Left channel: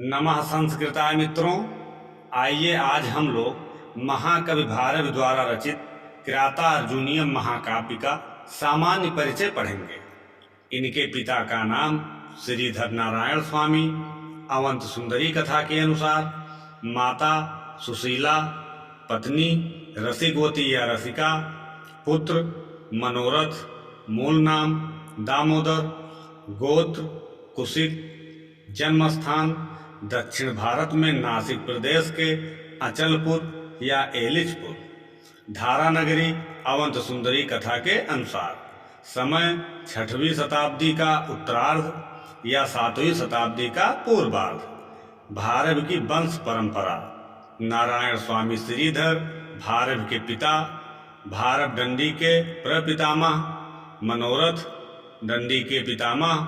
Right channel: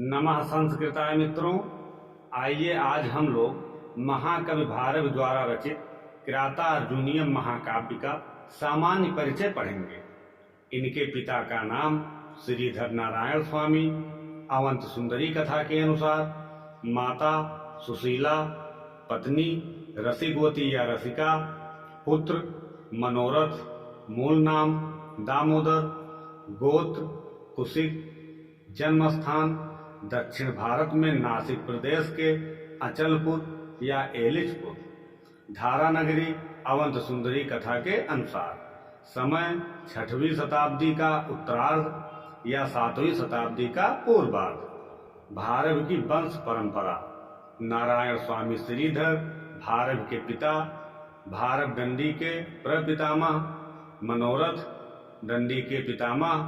नमः संस्कृताय मित्रों। आइए आज हम लोग महाकवि भारवी द्वारा रचित किरातार्जुनीयम महाकाव्य का सामान्य परिचय पढ़ेंगे। इनके पिता का नाम श्रीधर नारायण स्वामी। अवंत सुंदरी कथा के अनुसार माता सुशीला, पत्नी रसिकवती या रसिका, पुत्र मनोरथ, मूल नाम दामोदर, गोत्र कुशिक, जन्मस्थान दक्षिण भारत में नासिक प्रदेश के अचलपुर या एलिचपुर, धारा नगरी। अवंत सुंदरी कथा के अनुसार समय 6वीं शताब्दी का उत्तरार्ध या 7वीं शताब्दी का पूर्वार्ध। भारवी की वंश परंपरा। नारायण स्वामी श्रीधर भारवी के पिता, भारव दंडी के प्रपितामह, मनोरथ दंडी के पितामह,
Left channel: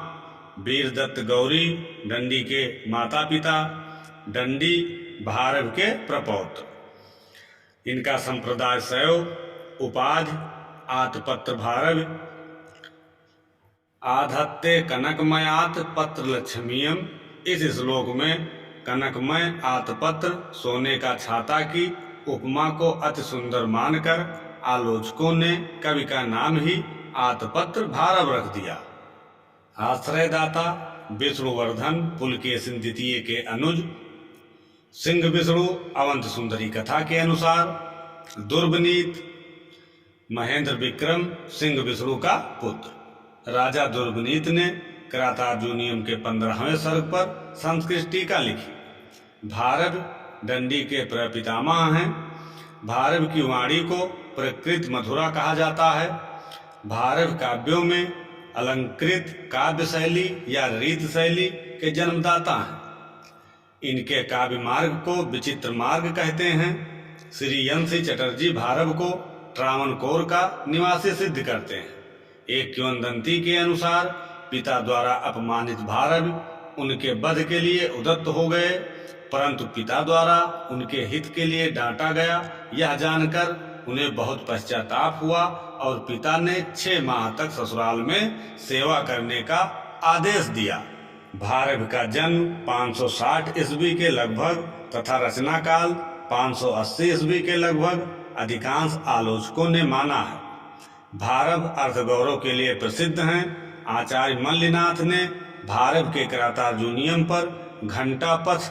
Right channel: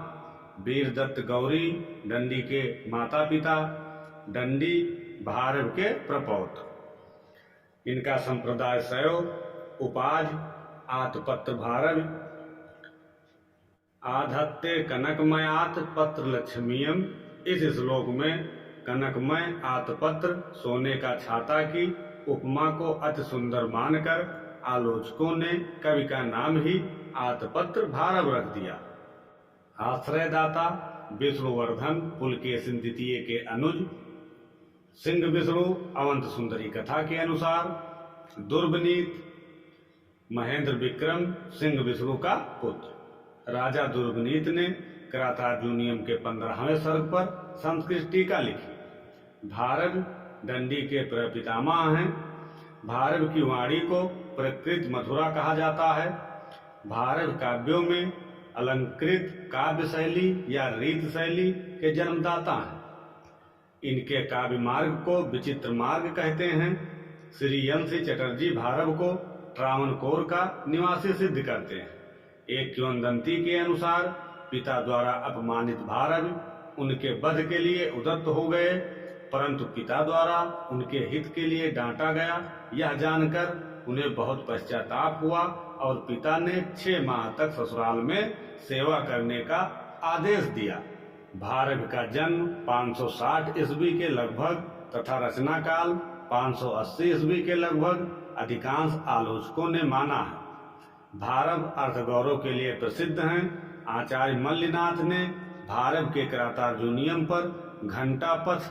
वीरदत्त गौरी दंडी के माता पिता, दंडी भारव के प्रपौत्र। इनका संप्रदाय शैव, उपाधि आतपत्र भारवी, आधत्ते कनकमयात पत्र लक्ष्मीयम। इस श्लोक में कनकमय आतपत्र सोने का छाता की उपमा को अति सुंदर मानकर आलोचकों ने कवि का नाम ही आतपत्र भारव रख दिया। आश्रयदाता विष्णुवर्धन पुलकेशिन द्वितीय के अनुज, सिंह विष्णु। अवंत सुंदरी कथा के अनुसार दुर्बनीत महेंद्र विक्रम सिंह विष्णु का पुत्र। राजा दुर्बनीत ने किरातार्जुनीयम के 15वें सर्ग पर संस्कृत टीका लिखी। भारव दंडी के प्रपितामह हैं। भारव की वाणी को प्रकृत मधुरा कहा जाता है। भारव काव्यों में अलंकृत काव्य शैली या रीत शैली के जन्मदाता हैं। इनके काव्य मार्ग को विचित्र मार्ग कहते हैं। श्री यंसी चटर्जी भारव को त्रावणकोर का निवासी सिद्ध करते हैं। एक किंवदंती के अनुसार पिता द्वारा अपमानित भारव उनके वध के लिए उद्यत हो गए, परंतु पिता द्वारा उनके हित के लिए डांटा गया। यह जानकर उन्हें बहुत पश्चाताप हुआ और पिता ने 6 माह तक ससुराल में सेवा करने का आदेश दिया। भारव का जन्म 560 ईस्वी के लगभग तथा रचना काल 580 ईस्वी के लगभग अधिकांश आलोचकों ने माना है। भारव अर्थगौरव के लिए प्रसिद्ध हैं। आचार्य मल्लिनाथ ने भारव के किरातार्जुनीयम पर घंटा पथ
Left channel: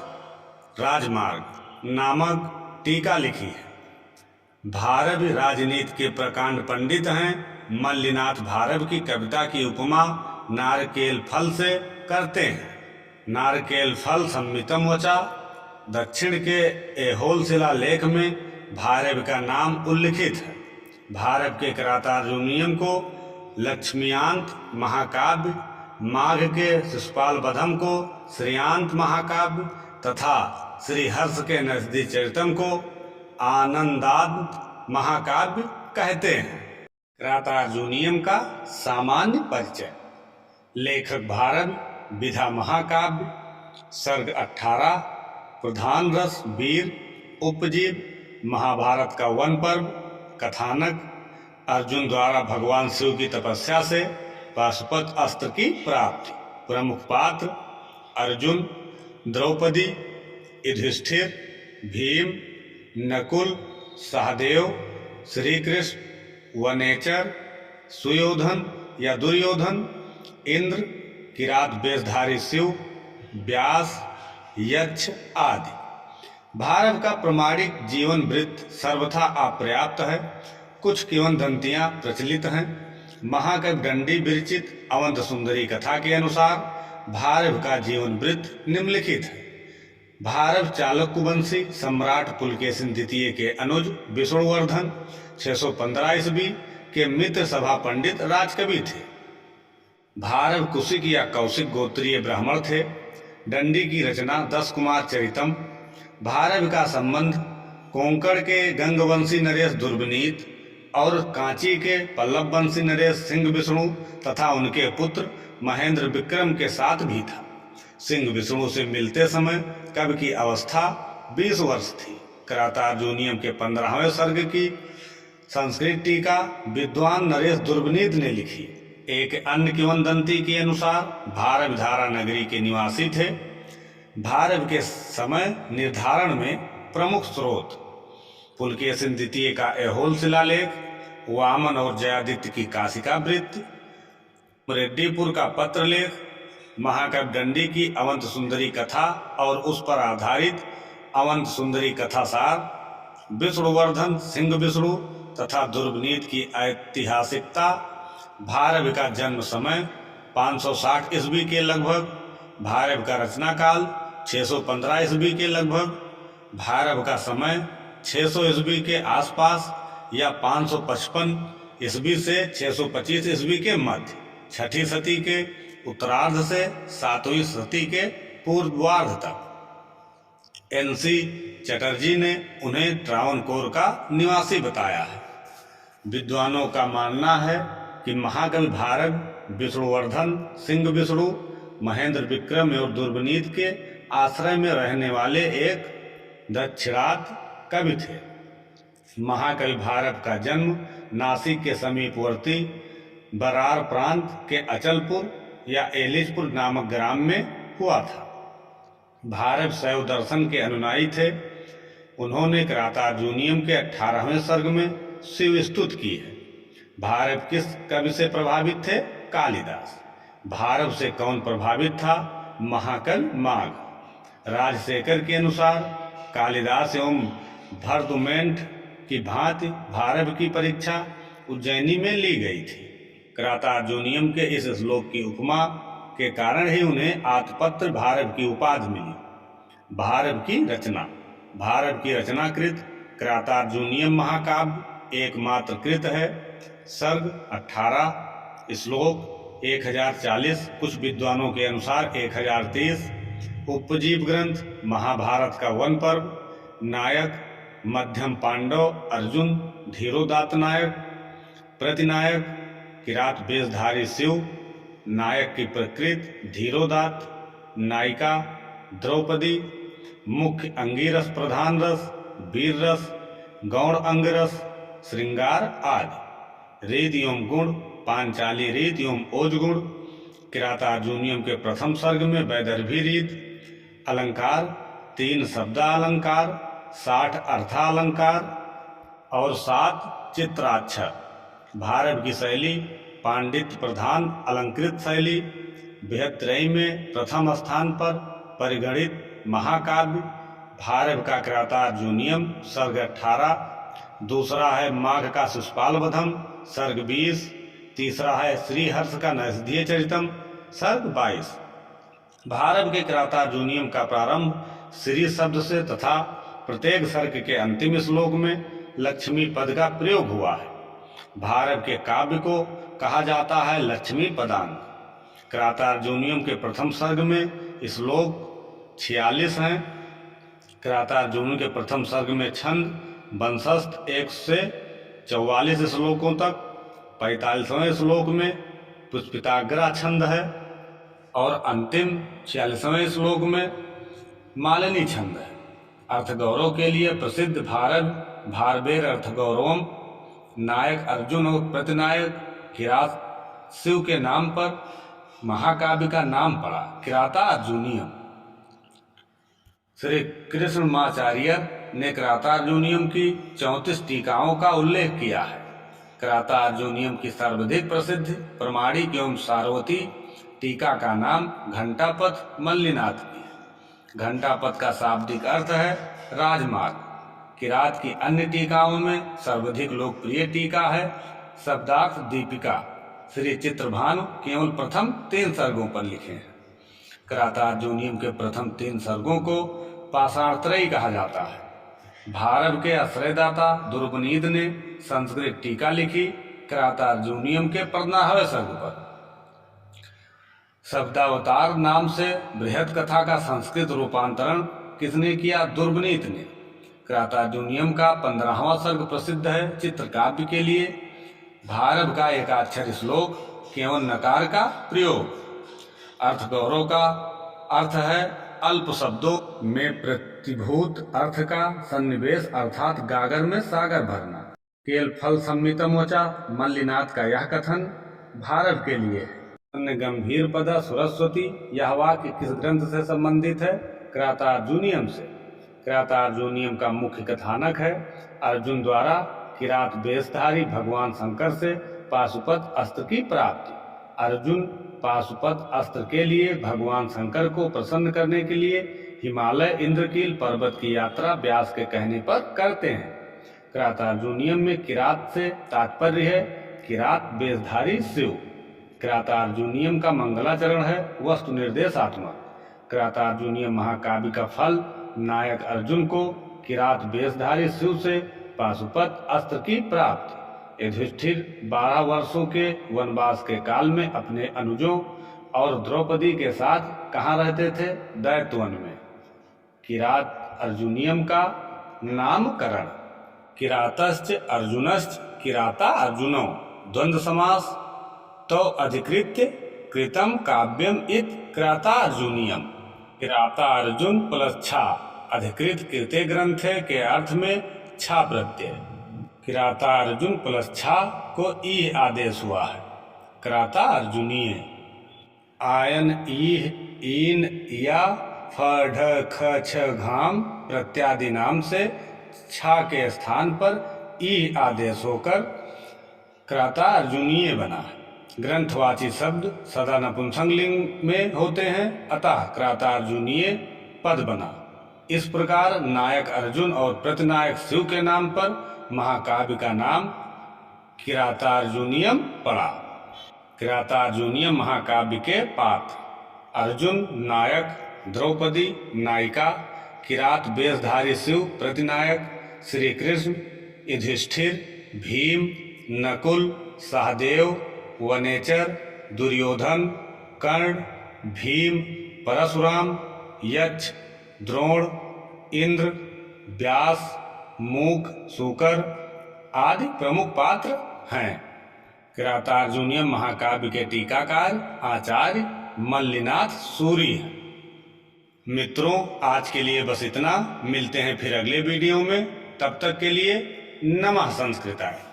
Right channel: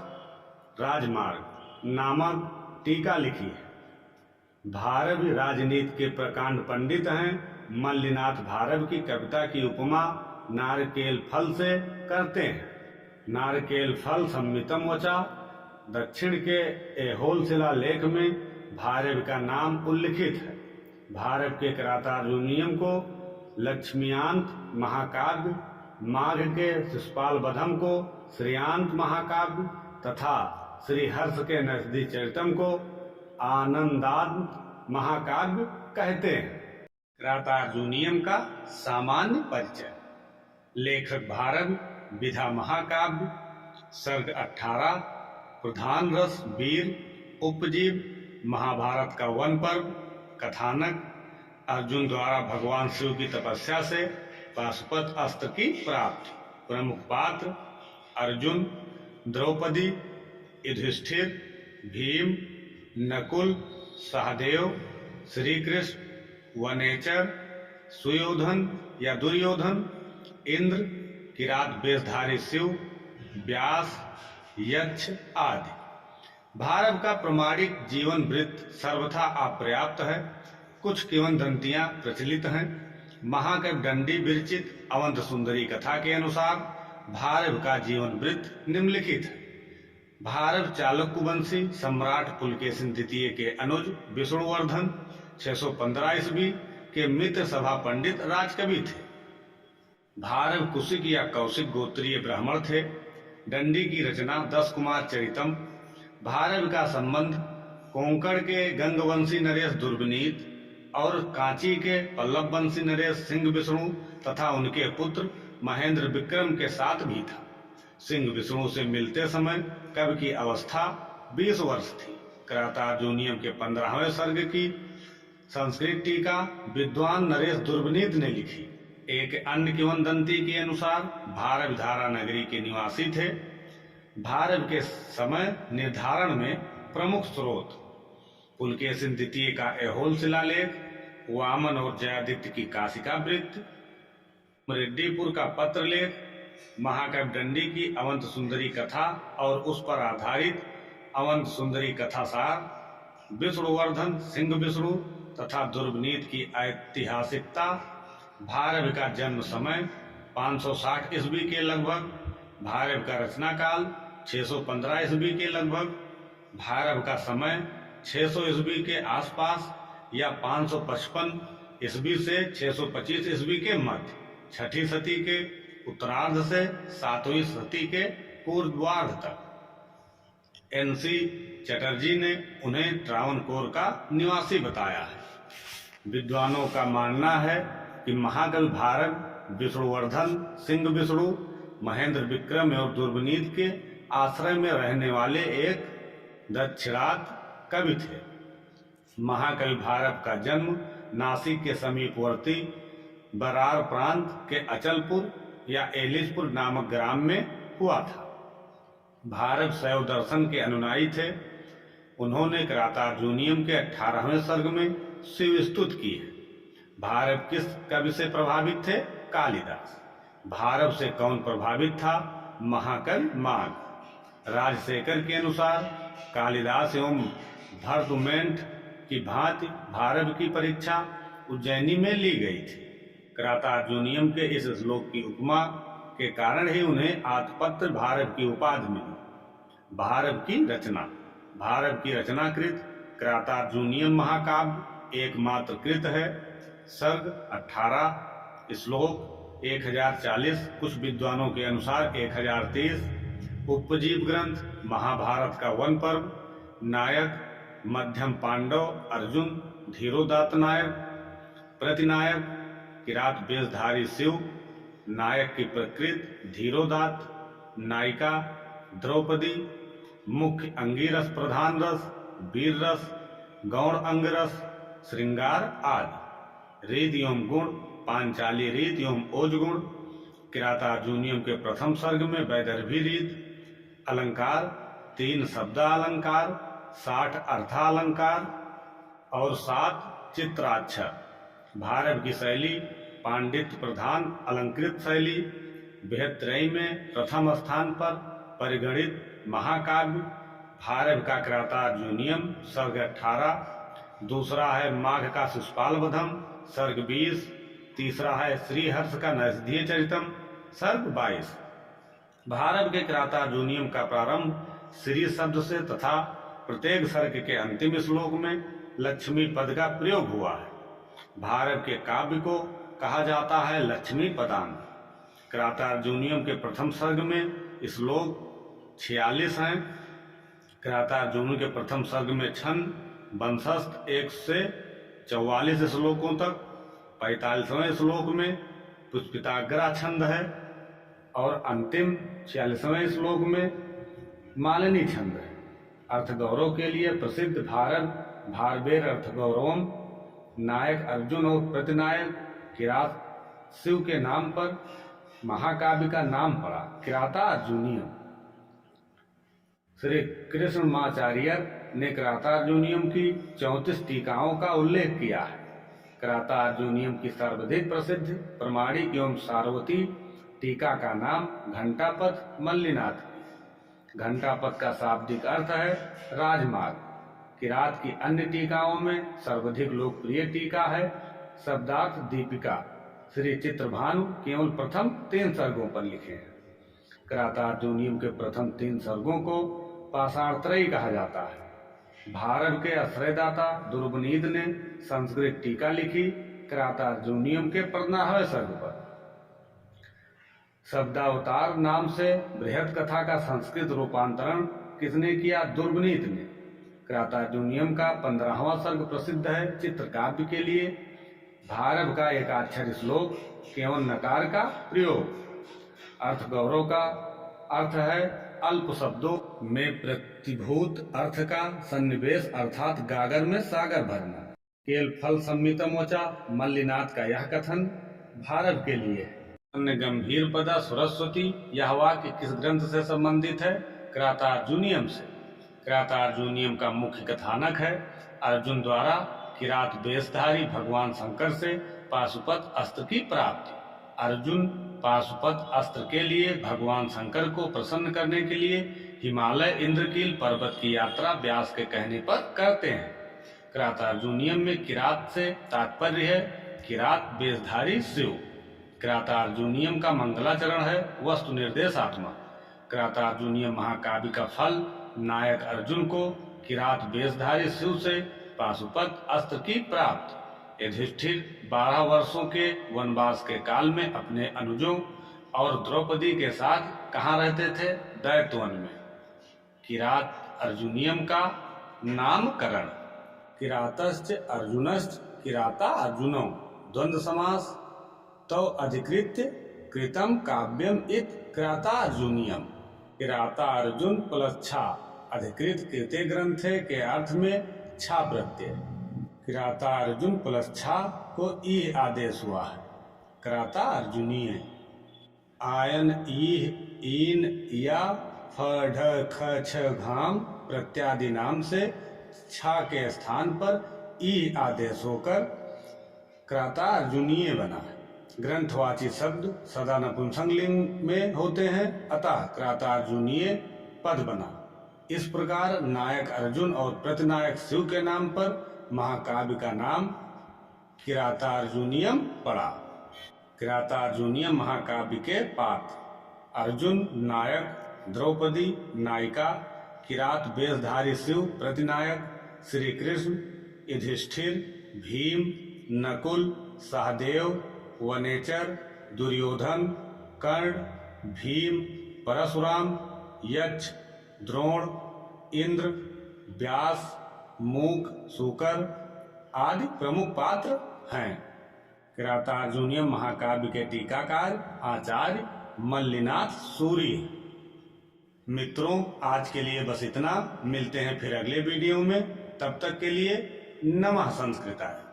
राजमार्ग नामक टीका लिखी है। भारव राजनीति के प्रकांड पंडित हैं। मल्लिनाथ भारव की कविता की उपमा नारकेल फल से करते हैं। नारकेल फल सम्मितम वचा। दक्षिण के ऐहोल शिला लेख में भारव का नाम उल्लिखित है। भारव के किरातार्जुनीयम को लक्ष्मीयांत महाकाव्य, माघ के शिशुपाल बधम को श्रेयांत महाकाव्य तथा श्रीहर्ष के नजदी चरितम को आनंदांत महाकाव्य कहते हैं। किरातार्जुनीयम का सामान्य परिचय। लेखक भारव, विधा महाकाव्य, सर्ग 18, प्रधान रस वीर, उपजीव महाभारत का वन पर्व, कथानक अर्जुन द्वारा भगवान शिव की तपस्या से पाशुपत अस्त्र की प्राप्ति। प्रमुख पात्र अर्जुन, द्रौपदी, युधिष्ठिर, भीम, नकुल, सहदेव, श्री कृष्ण, वनेचर, सुयोधन या दुर्योधन, इंद्र, किरात वेशधारी शिव, व्यास, यक्ष आदि। भारव का प्रमाणिक जीवन वृत्त सर्वथा अपर्याप्त है। कुछ किंवदंतियां प्रचलित हैं। महाकवि दंडी विरचित अवंत सुंदरी कथा के अनुसार भारव का जीवन वृत्त निम्नलिखित है। भारव चालुक्यवंशी सम्राट पुलकेशिन द्वितीय के अनुज विष्णुवर्धन 615 ईस्वी के मित्र सभा पंडित राजकवि थे। भारव कुशिक या कौशिक गोत्रीय ब्राह्मण थे। दंडी की रचना 10 कुमार चरितम। भारव का संबंध कोंकण के गंगवंशी नरेश दुर्बनीत और कांची के पल्लव वंशी नरेश सिंह विष्णु तथा उनके पुत्र महेंद्र विक्रम के साथ भी था। सिंह विष्णु से मिलते समय कवि की अवस्था 20 वर्ष थी। किरातार्जुनीयम के 15वें सर्ग की संस्कृत टीका विद्वान नरेश दुर्बनीत ने लिखी। एक अन्य किंवदंती के अनुसार भारव धारा नगरी के निवासी थे। भारत के समय निर्धारण में प्रमुख स्रोत पुलकेशिन द्वितीय का ऐहोल शिलालेख, वामन और जयादित्य की काशिका वृत्त, रेड्डीपुर का पत्रलेख, महाकवि दंडी की अवंत सुंदरी कथा और उस पर आधारित अवंत सुंदरी कथा सार, विष्णुवर्धन सिंह विष्णु तथा दुर्गनीत की ऐतिहासिकता, भारत का जन्म समय 560 ईस्वी के लगभग, भारत का रचना काल 615 ईस्वी के लगभग, भारत का समय 600 ईस्वी के आसपास या 555 ईस्वी से 625 ईस्वी के मध्य, छठी सदी के उत्तरार्ध से 7वीं सदी के पूर्वार्ध तक। NC चटर्जी ने उन्हें त्रावणकोर का निवासी बताया है। विद्वानों का मानना है कि महाकवि भारत विष्णुवर्धन सिंह विष्णु महेंद्र विक्रम और दुर्गनीत के आश्रय में रहने वाले एक दक्षिणात कवि थे। महाकवि भारत का जन्म नासिक के समीपवर्ती बरार प्रांत के अचलपुर या एलिसपुर नामक ग्राम में हुआ था। भारत शैव दर्शन के अनुयायी थे। उन्होंने क्रातार्जुनीयम के 18वें सर्ग में शिव स्तुति की है। भारत किस कवि से प्रभावित थे? कालिदास। भारत से कौन प्रभावित था? महाकवि माघ। राजशेखर के अनुसार कालिदास एवं भरतुमेंट की भांति भारत की परीक्षा उज्जैनी में ली गई थी। क्रातार्जुनीयम के इस श्लोक की उपमा के कारण ही उन्हें आतपत्र भारत की उपाधि मिली। भारत की रचना। भारत की रचनाकृत क्रातार्जुनीयम महाकाव्य एकमात्र कृत है। सर्ग 18, श्लोक 1040, कुछ विद्वानों के अनुसार 1030। उपजीव ग्रंथ महाभारत का वन पर्व। नायक मध्यम पांडव अर्जुन, धीरोदात्त नायक। प्रतिनायक किरात वेशधारी शिव। नायक की प्रकृति धीरोदात्त। नायिका द्रौपदी। मुख्य अंगिरस प्रधान रस, वीर रस, गौण अंग रस, श्रृंगार आदि। रीत एवं गुण पांचाली रीत एवं ओज गुण। किरातार्जुनीयम के प्रथम सर्ग में वैदर्भी रीत। अलंकार 3 शब्दालंकार, 60 अर्थालंकार और 7 चित्राक्षर। भारत की शैली पांडित्य प्रधान अलंकृत शैली। बृहत्त्रयी में प्रथम स्थान पर परिगणित महाकाव्य भारत का क्रातार्जुनीयम सर्ग 18। दूसरा है माघ का शिशुपाल वधम सर्ग 20। तीसरा है श्रीहर्ष का नैषधीय चरितम सर्ग 22। भारत के क्रातार्जुनीयम का प्रारंभ श्री शब्द से तथा प्रत्येक सर्ग के अंतिम श्लोक में लक्ष्मी पद का प्रयोग हुआ है। भारत के काव्य को कहा जाता है लक्ष्मी पदान। क्रातार्जुनीयम के प्रथम सर्ग में श्लोक 46 हैं। क्रातार्जुनीयम के प्रथम सर्ग में छंद वंशस्थ 1 से 44 श्लोकों तक। 45वें श्लोक में पुष्पिताग्रा छंद है और अंतिम 46वें श्लोक में मालिनी छंद है। अर्थगौरव के लिए प्रसिद्ध भारत भारवेर अर्थगौरवम। नायक अर्जुन और प्रतिनायक किरात शिव के नाम पर महाकाव्य का नाम पड़ा क्रातार्जुनीयम। श्री कृष्णमाचार्य ने क्रातार्जुनीयम की 34 टीकाओं का उल्लेख किया है। क्रातार्जुनीयम की सर्वाधिक प्रसिद्ध प्रमाणिक एवं सार्वती टीका का नाम घंटापथ मल्लिनाथ की। घंटापथ का शाब्दिक अर्थ है राजमार्ग। किरात की अन्य टीकाओं में सर्वाधिक लोकप्रिय टीका है शब्दार्थ दीपिका। श्री चित्रभानु केवल प्रथम 3 सर्गों पर लिखे हैं। क्रातार्जुनीयम के प्रथम 3 सर्गों को पाषाणत्रयी कहा जाता है। भारत के आश्रयदाता दुर्गनीत ने संस्कृत टीका लिखी क्रातार्जुनीयम के 15वें सर्ग पर। शब्दावतार नाम से बृहद कथा का संस्कृत रूपांतरण किसने किया? दुर्गनीत ने। क्रातार्जुनीयम का 15वां सर्ग प्रसिद्ध है चित्रकाव्य के लिए। भारत का एकाक्षर श्लोक केवल नकार का प्रयोग। अर्थगौरव का अर्थ है अल्प शब्दों में प्रतिभूत अर्थ का सन्निवेश अर्थात गागर में सागर भरना। केल फल संमितमोचा मल्लिनाथ का यह कथन भारत के लिए है। अन्य गंभीर पदा सरस्वती यह वाक्य किस ग्रंथ से संबंधित है? किरातार्जुनीयम से। किरातार्जुनीयम का मुख्य कथानक है अर्जुन द्वारा किरात वेशधारी भगवान शंकर से पाशुपत अस्त्र की प्राप्ति। अर्जुन पाशुपत अस्त्र के लिए भगवान शंकर को प्रसन्न करने के लिए हिमालय इंद्रकील पर्वत की यात्रा व्यास के कहने पर करते हैं। किरातार्जुनीयम में किरात से तात्पर्य है किरात वेशधारी शिव। किरातार्जुनीयम का मंगलाचरण है वस्तु निर्देशात्मक। किरातार्जुनीयम महाकाव्य का फल नायक अर्जुन को किरात वेशधारी शिव से पाशुपत अस्त्र की प्राप्ति। युधिष्ठिर 12 वर्षों के वनवास के काल में अपने अनुजों और द्रौपदी के साथ कहाँ रहते थे? दैत्यवन में। किरात अर्जुनीयम का नामकरण। किरातश्च अर्जुनश्च किराता अर्जुनौ द्वंद्व समास तो अधिकृत्य कृतम काव्यम इत किराता अर्जुनीयम। किराता अर्जुन प्लस छा अधिकृत कृते ग्रंथे के अर्थ में छा प्रत्यय। किराता अर्जुन प्लस छा को ई आदेश हुआ है। किराता अर्जुनीय आयन ईह ईन या फ ढ ख छ घाम प्रत्यादि नाम से छा के स्थान पर ई आदेश होकर किराता अर्जुनीय बना है। ग्रंथवाची शब्द सदा नपुंसकलिंग में होते हैं, अतः किरातार्जुनीय पद बना। इस प्रकार नायक अर्जुन और प्रतिनायक शिव के नाम पर महाकाव्य का नाम किरातार्जुनीयम पड़ा। किरातार्जुनीयम महाकाव्य के पात्र: अर्जुन नायक, द्रौपदी नायिका, किरात वेशधारी शिव प्रतिनायक, श्री कृष्ण, युधिष्ठिर, भीम, नकुल, सहदेव, वनेचर, दुर्योधन, कर्ण, भीम, परशुराम, यक्ष, द्रोण, इंद्र, व्यास, मूक, सूकर आदि प्रमुख पात्र हैं। किरातार्जुनीयम महाकाव्य के टीकाकार आचार्य मल्लिनाथ सूरी हैं। मित्रों, आज के लिए बस इतना। मिलते हैं फिर अगले वीडियो में। तब तक के लिए नमः संस्कृताय।